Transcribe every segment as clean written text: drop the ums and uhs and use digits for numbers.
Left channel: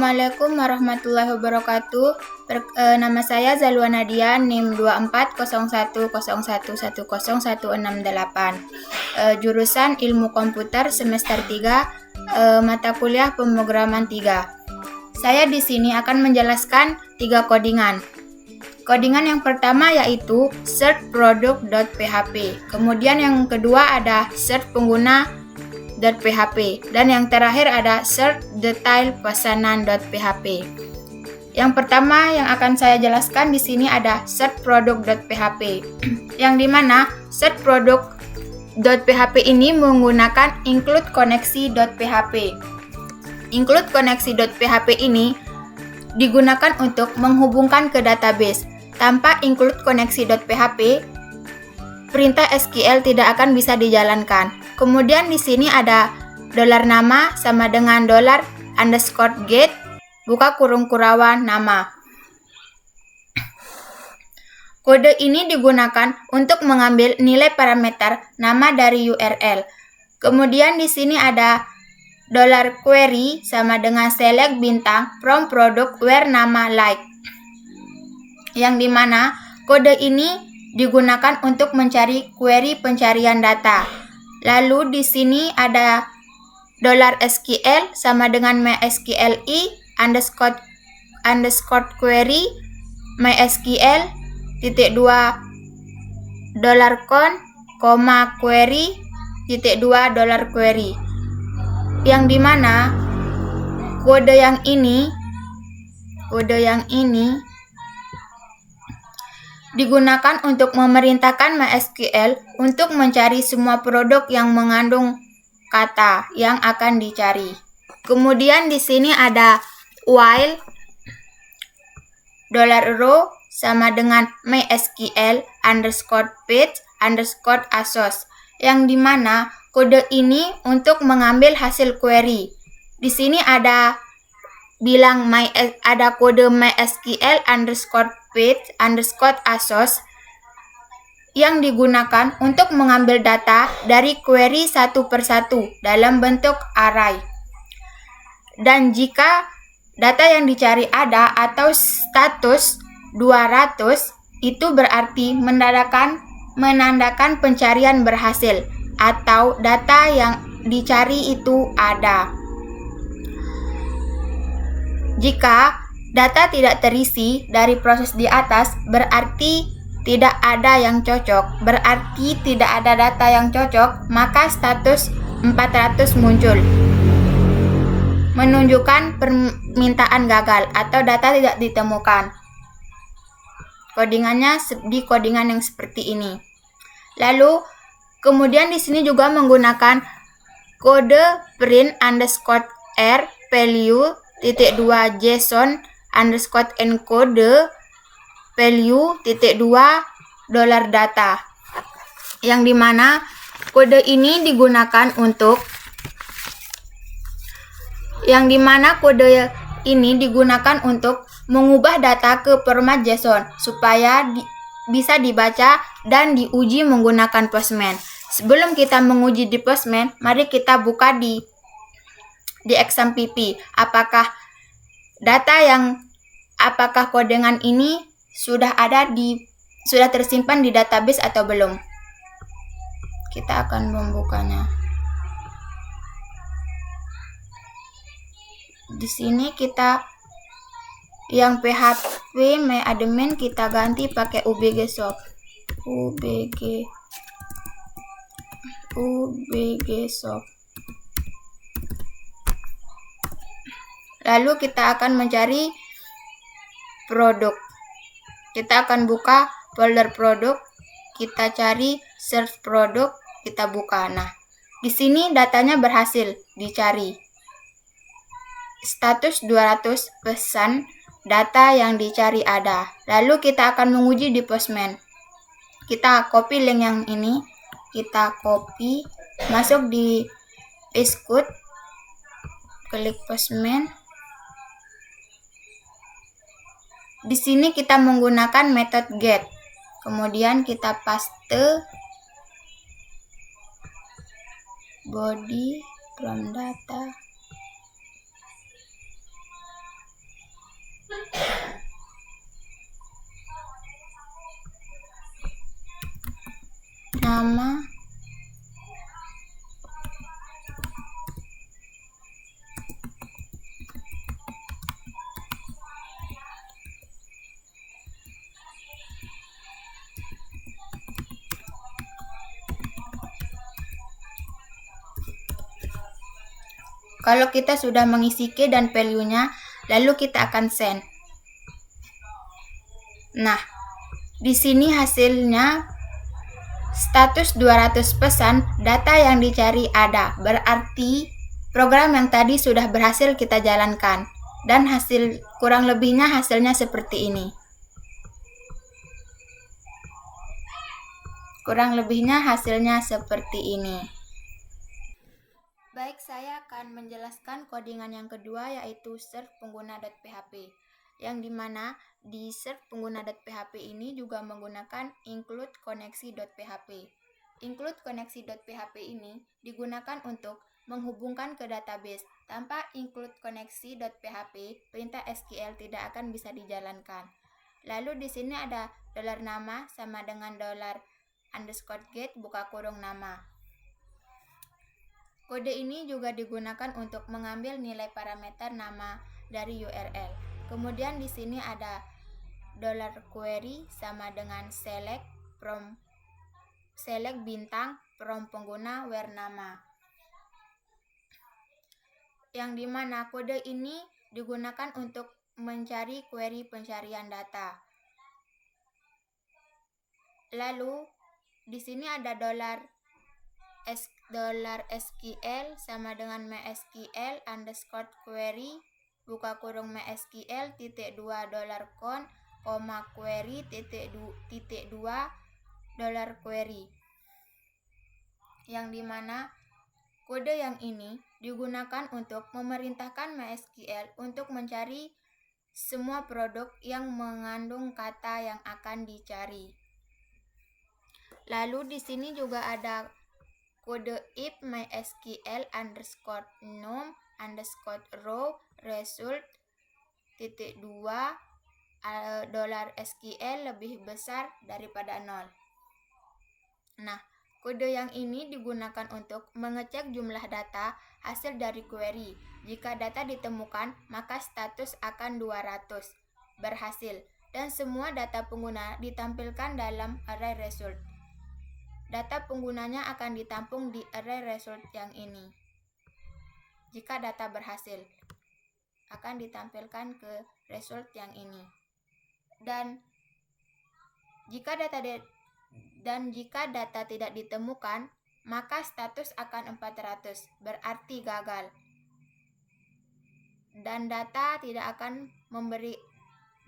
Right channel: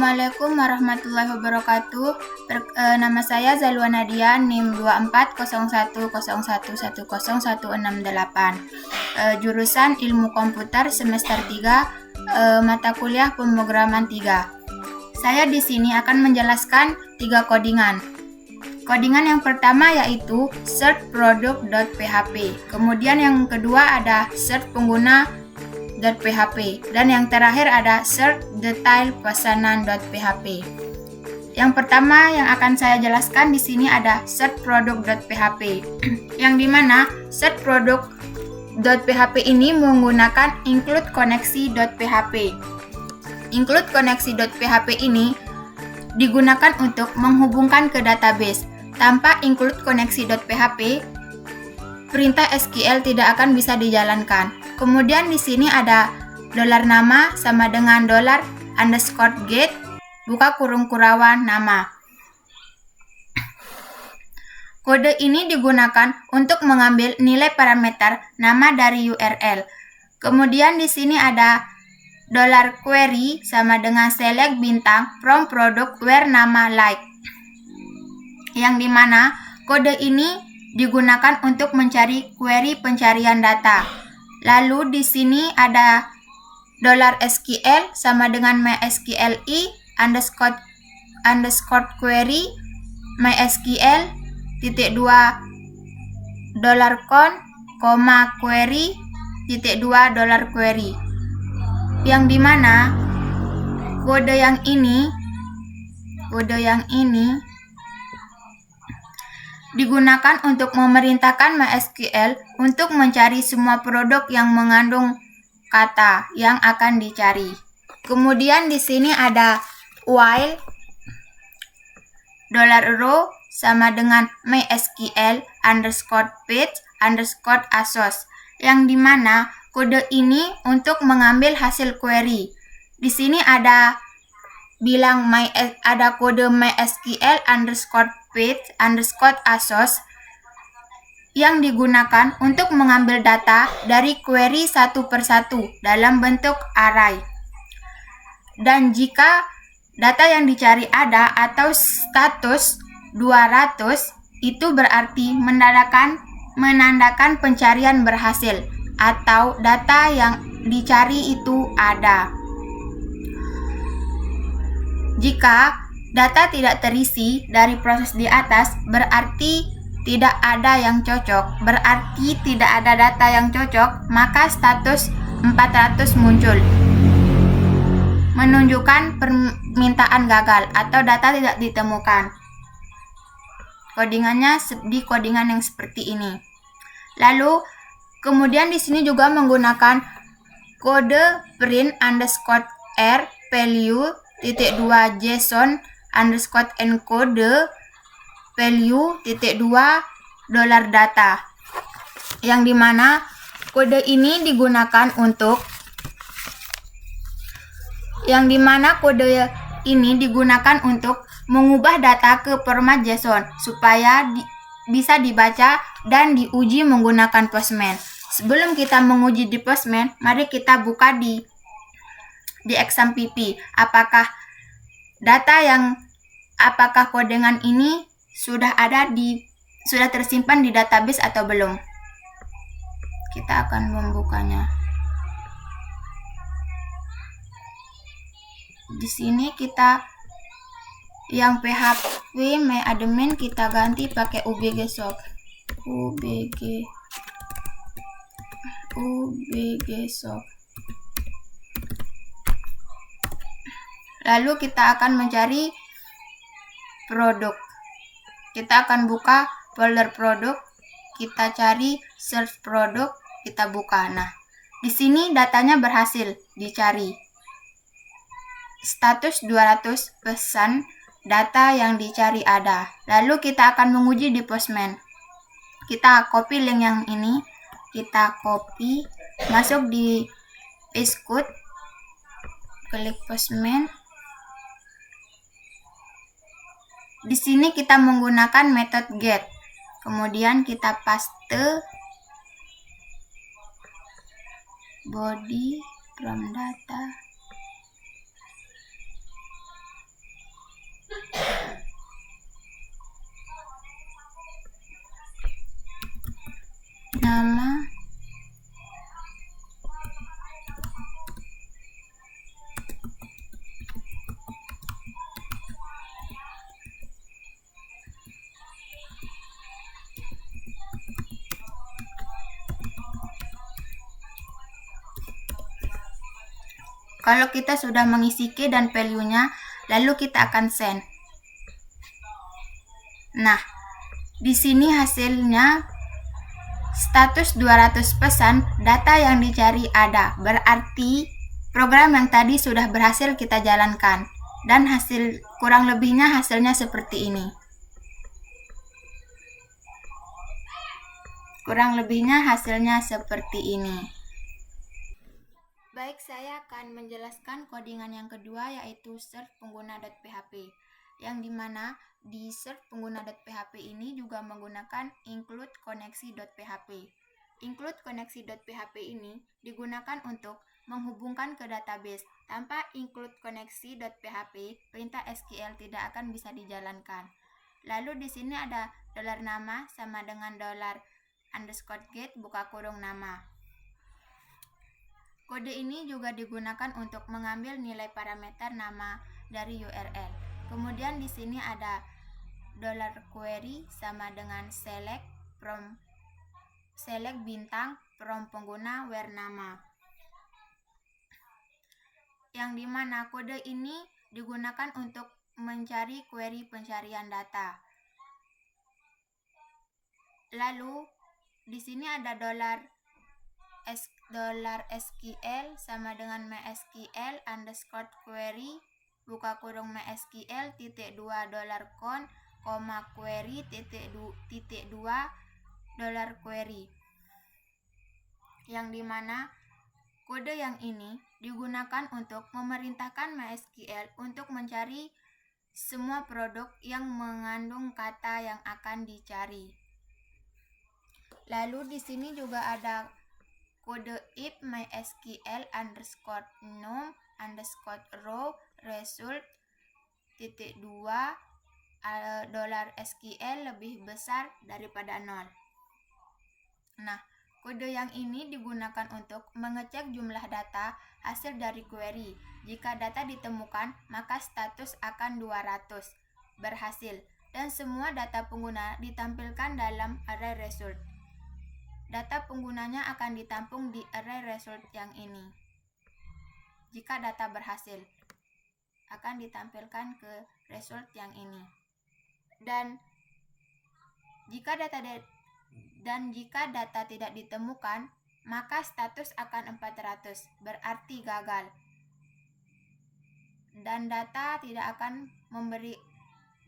Assalamualaikum warahmatullahi wabarakatuh. Nama saya Zalwa Nadia, NIM 240111011068. Jurusan Ilmu Komputer semester 3, mata kuliah pemrograman 3. Saya di sini akan menjelaskan 3 codingan. Codingan yang pertama yaitu search product.php. Kemudian yang kedua ada search pengguna.php dan yang terakhir ada search detail pesanan.php. Yang pertama yang akan saya jelaskan di sini ada search product.php. Yang dimana search product.php ini menggunakan include koneksi.php. Include koneksi.php ini digunakan untuk menghubungkan ke database. Tanpa include koneksi.php, perintah SQL tidak akan bisa dijalankan. Kemudian di sini ada $nama sama dengan $_get buka kurung kurawan nama. Kode ini digunakan untuk mengambil nilai parameter nama dari URL. Kemudian di sini ada $query sama dengan select bintang from product where nama like. Yang dimana kode ini digunakan untuk mencari query pencarian data. Lalu di sini ada $SQL sama dengan MySQLi underscore query MySQL titik 2 $con, query titik 2 $query. Yang dimana kode yang ini digunakan untuk memerintahkan MySQL untuk mencari semua produk yang mengandung kata yang akan dicari. Kemudian di sini ada while $row sama dengan MySQL underscore page underscore asos, yang dimana kode ini untuk mengambil hasil query. Di sini ada kode MySQL underscore page underscore asos yang digunakan untuk mengambil data dari query satu persatu dalam bentuk array. Dan jika data yang dicari ada atau status 200, itu berarti menandakan pencarian berhasil atau data yang dicari itu ada. Jika data tidak terisi dari proses di atas, berarti tidak ada yang cocok. Berarti tidak ada data yang cocok, maka status 400 muncul, menunjukkan permintaan gagal atau data tidak ditemukan. Codingannya di codingan yang seperti ini. Lalu kemudian di sini juga menggunakan kode print underscore r value titik 2 JSON underscore encode value titik 2 $data, yang dimana kode ini digunakan untuk mengubah data ke format JSON supaya bisa dibaca dan diuji menggunakan Postman. Sebelum kita menguji di Postman, mari kita buka di exam PP apakah codingan ini sudah tersimpan di database atau belum. Kita akan membukanya. Di sini kita yang PHP myadmin kita ganti pakai UBG shop. Lalu kita akan mencari produk. Kita akan buka folder produk, kita cari search produk, kita buka. Nah, di sini datanya berhasil dicari. Status 200 pesan, data yang dicari ada. Lalu kita akan menguji di Postman. Kita copy link yang ini, kita copy, masuk di paste code, klik Postman. Di sini kita menggunakan metode get. Kemudian kita paste body from data. nama. Kalau kita sudah mengisi key dan value-nya, lalu kita akan send. Nah, di sini hasilnya status 200 pesan, data yang dicari ada. Berarti program yang tadi sudah berhasil kita jalankan. Dan hasil kurang lebihnya hasilnya seperti ini. Kurang lebihnya hasilnya seperti ini. Baik, saya akan menjelaskan codingan yang kedua, yaitu search pengguna.php, yang dimana di search pengguna.php ini juga menggunakan include koneksi.php. Include koneksi.php ini digunakan untuk menghubungkan ke database. Tanpa include koneksi.php, perintah SQL tidak akan bisa dijalankan. Lalu di sini ada $nama sama dengan $_get buka kurung nama. Kode ini juga digunakan untuk mengambil nilai parameter nama dari URL. Kemudian di sini ada $query sama dengan select bintang from pengguna where nama. Yang dimana kode ini digunakan untuk mencari query pencarian data. Lalu di sini ada $SQL sama dengan MySQL _query buka kurung MySQL $2 $con, query $2 $query. Yang dimana kode yang ini digunakan untuk memerintahkan MySQL untuk mencari semua produk yang mengandung kata yang akan dicari. Lalu di sini juga ada kode if mysql _num _row result $2 $SQL lebih besar daripada 0. Nah, kode yang ini digunakan untuk mengecek jumlah data hasil dari query. Jika data ditemukan, maka status akan 200 berhasil dan semua data pengguna ditampilkan dalam array result. Data penggunanya akan ditampung di array result yang ini. Jika data berhasil, akan ditampilkan ke result yang ini. Dan jika data tidak ditemukan, maka status akan 400, berarti gagal. Dan data tidak akan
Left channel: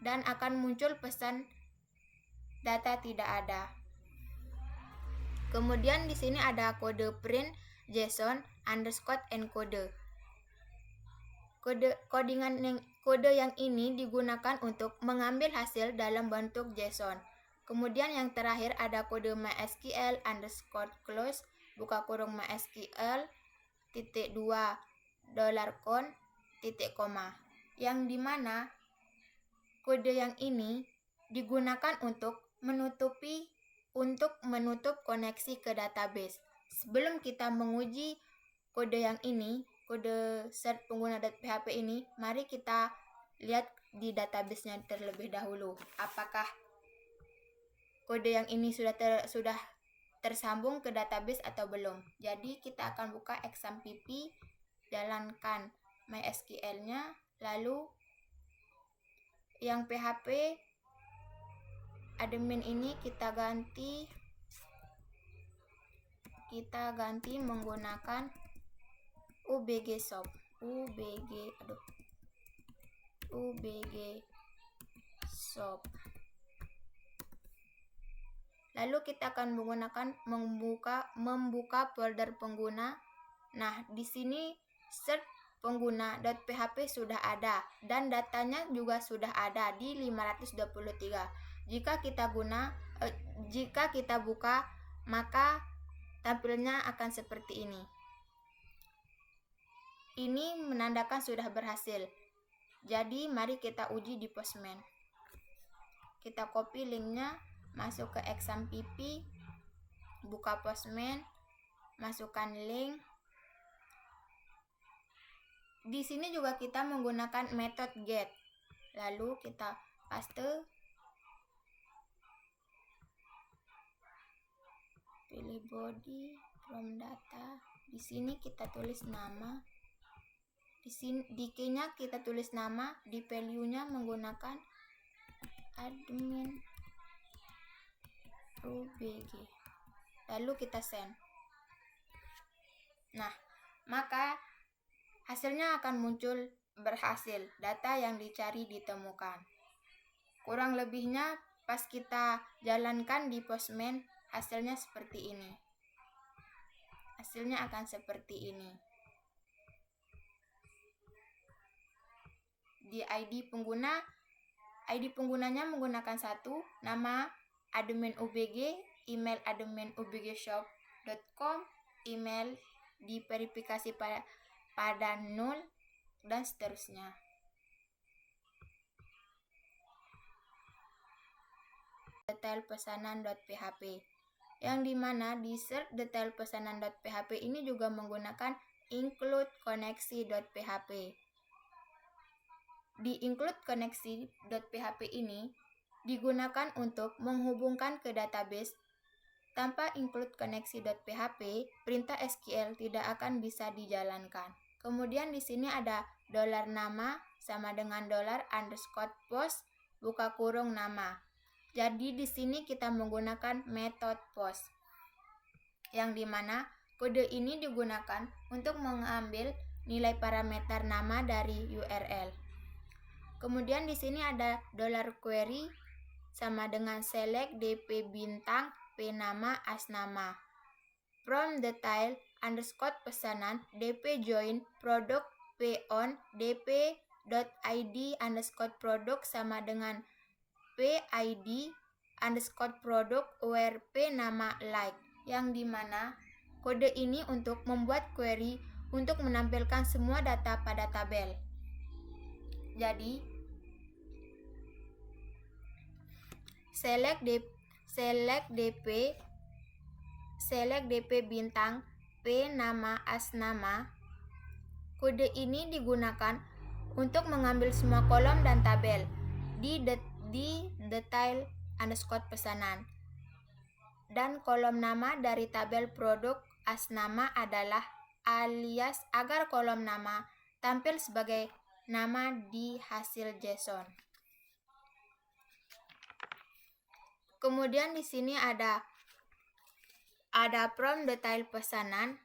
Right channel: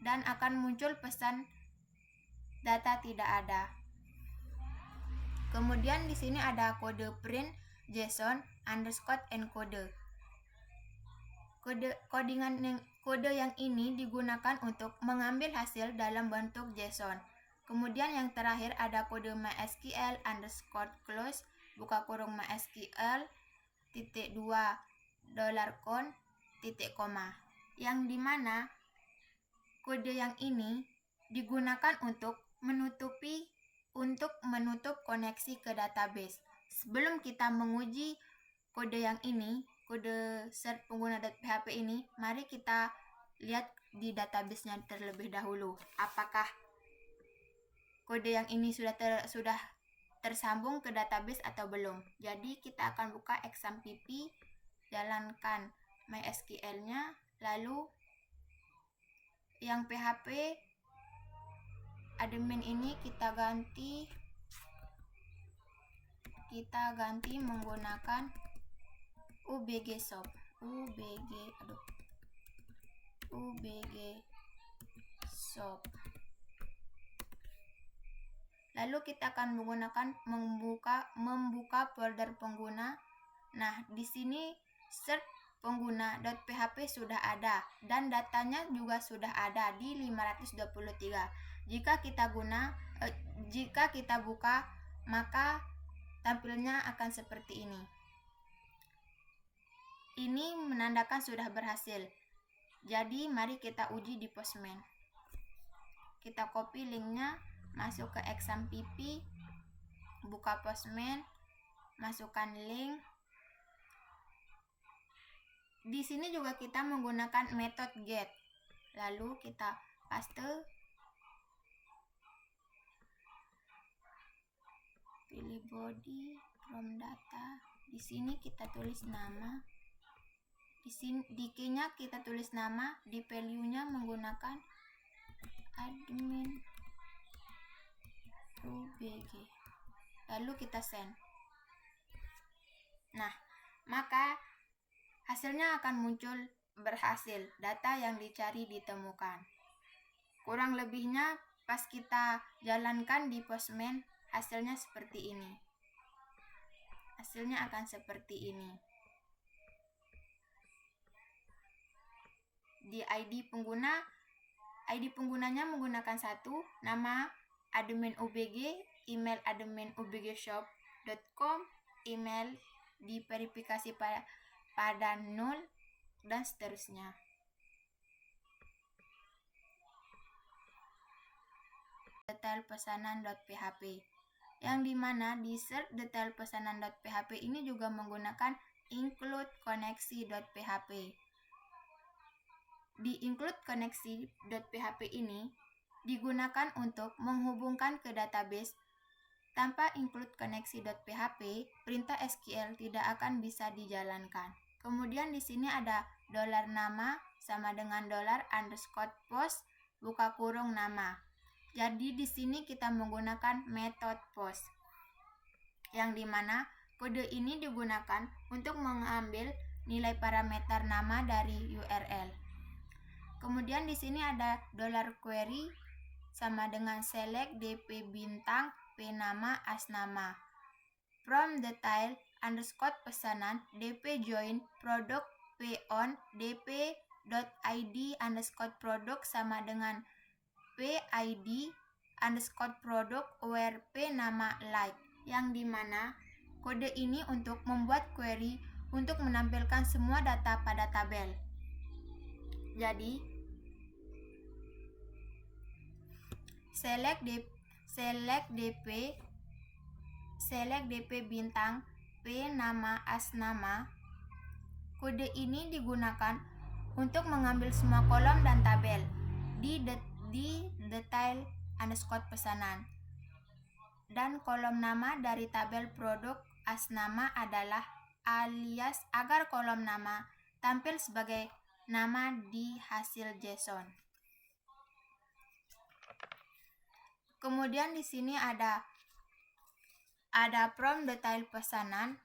akan muncul pesan data tidak ada. Kemudian di sini ada kode print JSON _encode. Kode yang ini digunakan untuk mengambil hasil dalam bentuk JSON. Kemudian yang terakhir ada kode MySQL _close buka kurung MySQL $2 $con yang dimana kode yang ini digunakan untuk menutup koneksi ke database. Sebelum kita menguji kode yang ini, kode search pengguna.php ini, mari kita lihat di database-nya terlebih dahulu. Apakah kode yang ini sudah tersambung ke database atau belum? Jadi kita akan buka exampp, jalankan MySQL-nya, lalu yang PHP admin ini kita ganti menggunakan ubg shop. Lalu kita akan menggunakan membuka folder pengguna. Nah, di sini search pengguna.php sudah ada dan datanya juga sudah ada di 523. Jika kita buka, maka tampilnya akan seperti ini. Ini menandakan sudah berhasil. Jadi mari kita uji di Postman. Kita copy linknya, masuk ke exampp, buka Postman, masukkan link. Di sini juga kita menggunakan metode get. Lalu kita paste, pilih body from data. Di sini kita tulis nama. Di key-nya kita tulis nama, di value-nya menggunakan admin UBG. Lalu kita send. Nah, maka hasilnya akan muncul berhasil, data yang dicari ditemukan. Kurang lebihnya pas kita jalankan di Postman, hasilnya seperti ini. Hasilnya akan seperti ini. Di ID penggunanya menggunakan 1, nama admin UBG, email admin ubgshop.com, email diverifikasi pada 0, dan seterusnya. Detail pesanan.php, yang dimana di search detail pesanan.php ini juga menggunakan include koneksi.php. Di include koneksi.php ini digunakan untuk menghubungkan ke database. Tanpa include koneksi.php, perintah SQL tidak akan bisa dijalankan. Kemudian di sini ada $nama sama dengan $_post buka kurung nama. Jadi di sini kita menggunakan metode post, yang dimana kode ini digunakan untuk mengambil nilai parameter nama dari URL. Kemudian di sini ada $query sama dengan select dp bintang p nama as nama. From detail underscore pesanan dp join product p on dp.id underscore product sama dengan p_id underscore product where p nama like, yang dimana kode ini untuk membuat query untuk menampilkan semua data pada tabel. Jadi select dp bintang p nama as nama. Kode ini digunakan untuk mengambil semua kolom dan tabel di detail underscore pesanan, dan kolom nama dari tabel produk as nama adalah alias agar kolom nama tampil sebagai nama di hasil JSON. Kemudian di sini ada from detail pesanan,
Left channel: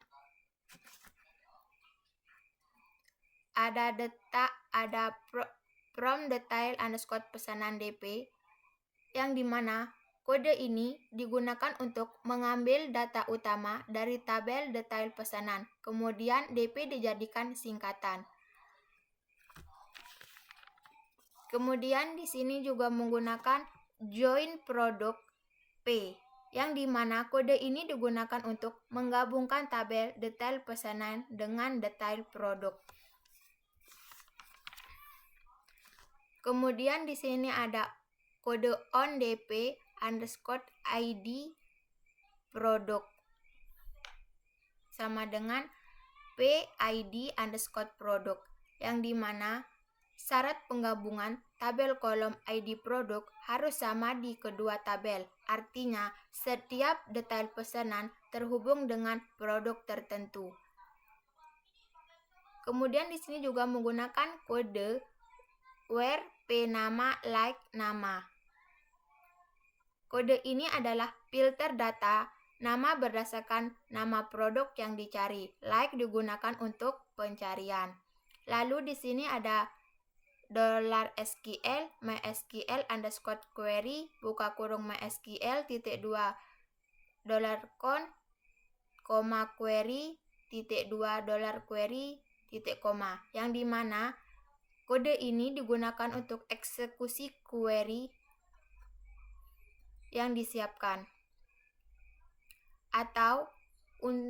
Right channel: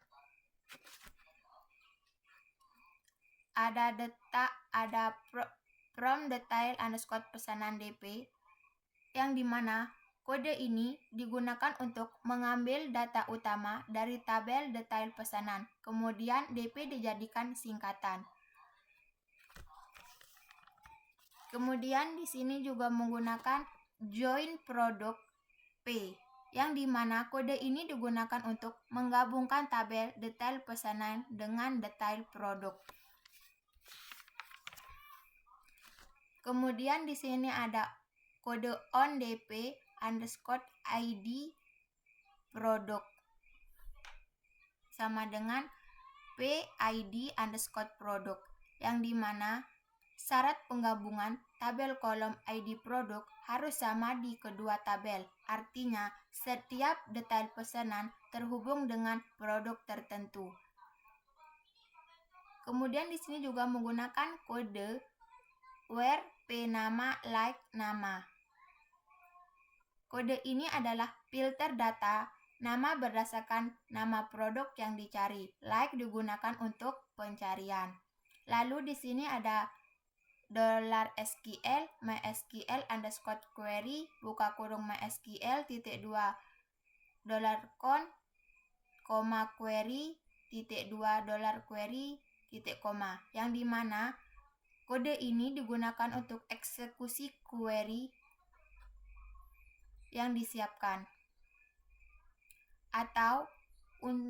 from detail underscore pesanan dp, yang dimana kode ini digunakan untuk mengambil data utama dari tabel detail pesanan. Kemudian dp dijadikan singkatan. Kemudian di sini juga menggunakan join product p, yang dimana kode ini digunakan untuk menggabungkan tabel detail pesanan dengan detail produk. Kemudian di sini ada kode on dp underscore id product sama dengan p_id underscore product, yang dimana syarat penggabungan tabel kolom ID produk harus sama di kedua tabel. Artinya, setiap detail pesanan terhubung dengan produk tertentu. Kemudian di sini juga menggunakan kode where p nama like nama. Kode ini adalah filter data nama berdasarkan nama produk yang dicari. Like digunakan untuk pencarian. Lalu di sini ada $SQL MySQL underscore query buka kurung MySQL titik 2 $con query titik 2 $query titik koma, yang dimana kode ini digunakan untuk eksekusi query yang disiapkan atau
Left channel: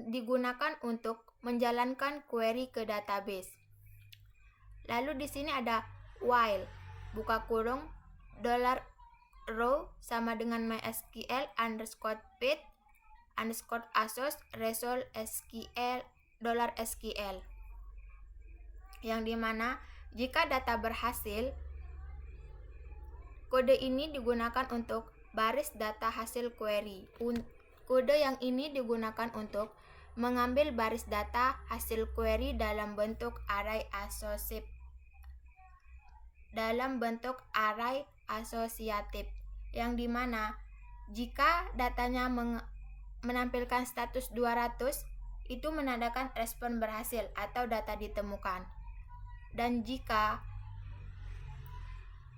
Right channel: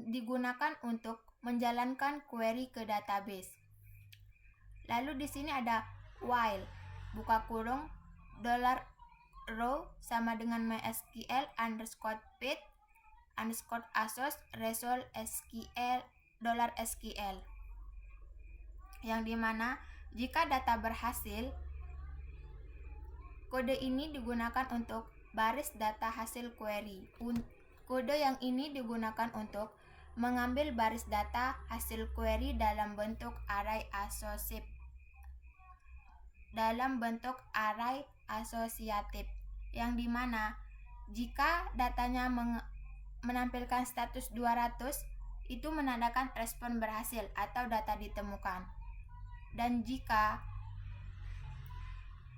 digunakan untuk menjalankan query ke database. Lalu di sini ada while buka kurung $row sama dengan MySQL underscore page $ASOS result SQL $SQL, yang dimana jika data berhasil, kode ini digunakan untuk baris data hasil query. Kode yang ini digunakan untuk mengambil baris data hasil query dalam bentuk array asosiatif, yang dimana jika datanya menampilkan status 200, itu menandakan respon berhasil atau data ditemukan. Dan jika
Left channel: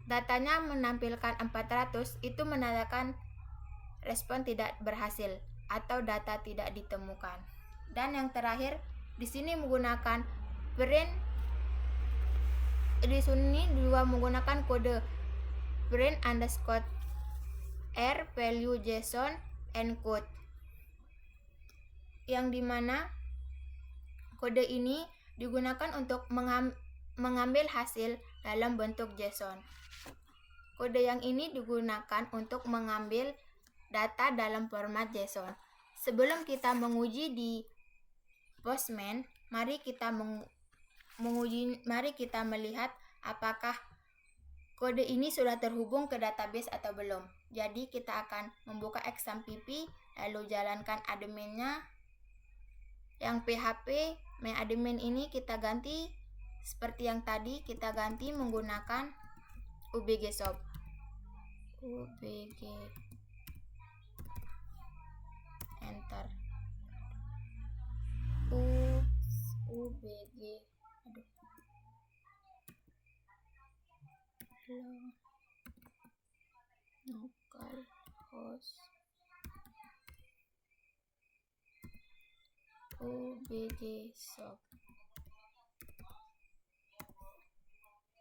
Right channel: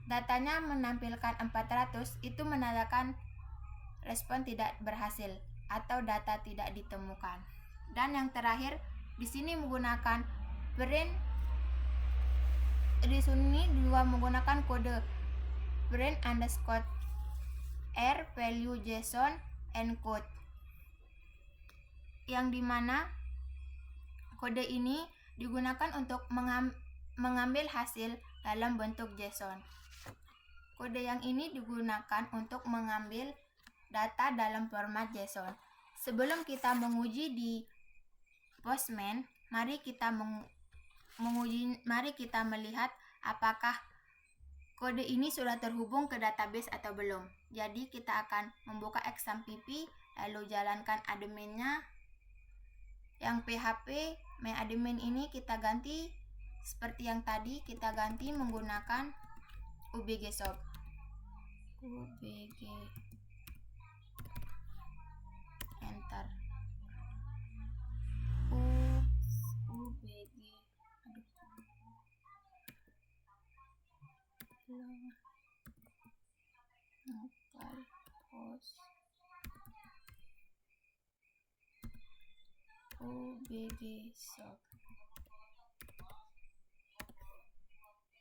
datanya menampilkan 400, itu menandakan respon tidak berhasil atau data tidak ditemukan. Dan yang terakhir, di sini menggunakan print. Di sini juga menggunakan kode print_r value JSON encode, yang dimana kode ini digunakan untuk mengambil hasil dalam bentuk JSON. Kode yang ini digunakan untuk mengambil data dalam format JSON. Sebelum kita menguji di Postman, mari kita melihat apakah kode ini sudah terhubung ke database atau belum. Jadi kita akan membuka XAMPP, lalu jalankan adminnya. Yang PHP main admin ini kita ganti seperti yang tadi, kita ganti menggunakan UBG shop. UBG, enter. UBG, localhost UBG shop.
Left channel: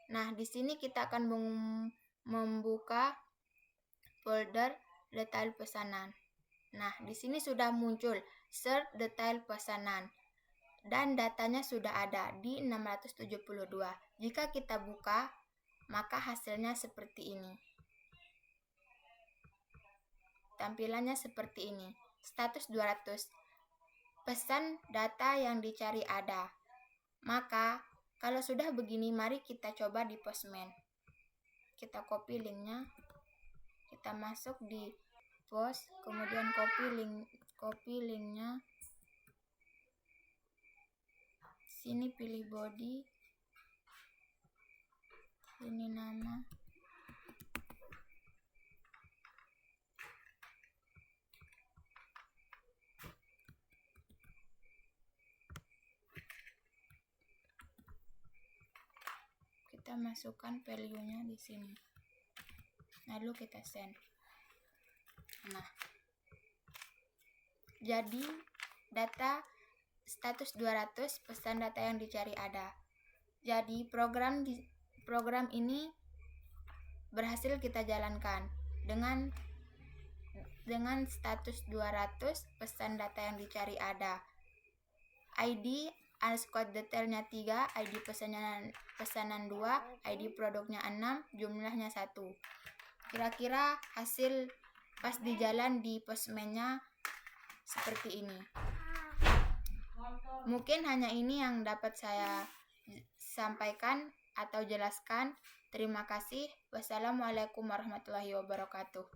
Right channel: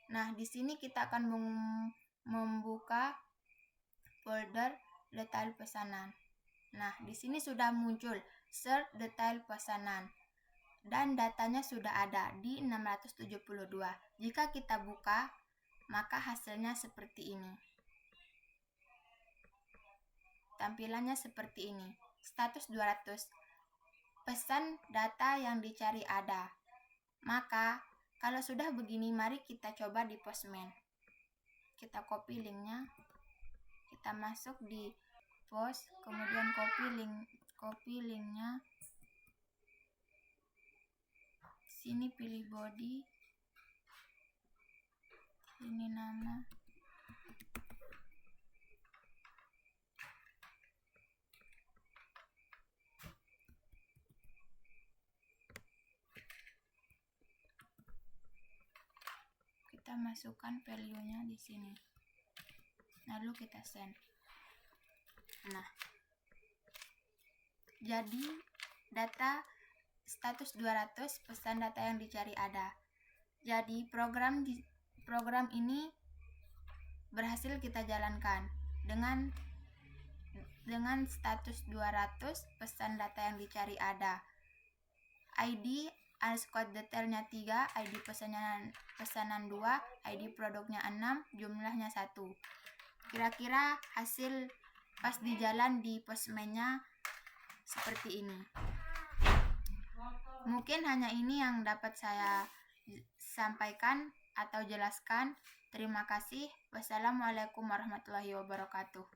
Nah, di sini kita akan membuka folder detail pesanan. Nah, di sini sudah muncul search detail pesanan dan datanya sudah ada di 672. Jika kita buka, maka hasilnya seperti ini. Tampilannya seperti ini. Status 200. Pesan data yang dicari ada. Maka, kalau sudah begini, mari kita coba di Postman. Kita copy linknya. Kita masuk di post, kemudian copy linknya. Sini pilih body. Ini nama. Kita masukkan value-nya di sini. Lalu kita send. Nah, jadi data status 200, pesan data yang dicari ada. Jadi program ini berhasil kita jalankan dengan status 200, pesan data yang dicari ada. ID underscore detailnya 3, ID pesanan 2, ID produknya 6, jumlahnya 1. Kira-kira hasil pas di jalan di Postman-nya seperti ini. Mungkin hanya ini yang dapat saya sampaikan atau jelaskan. Terima kasih. Wassalamualaikum warahmatullahi wabarakatuh.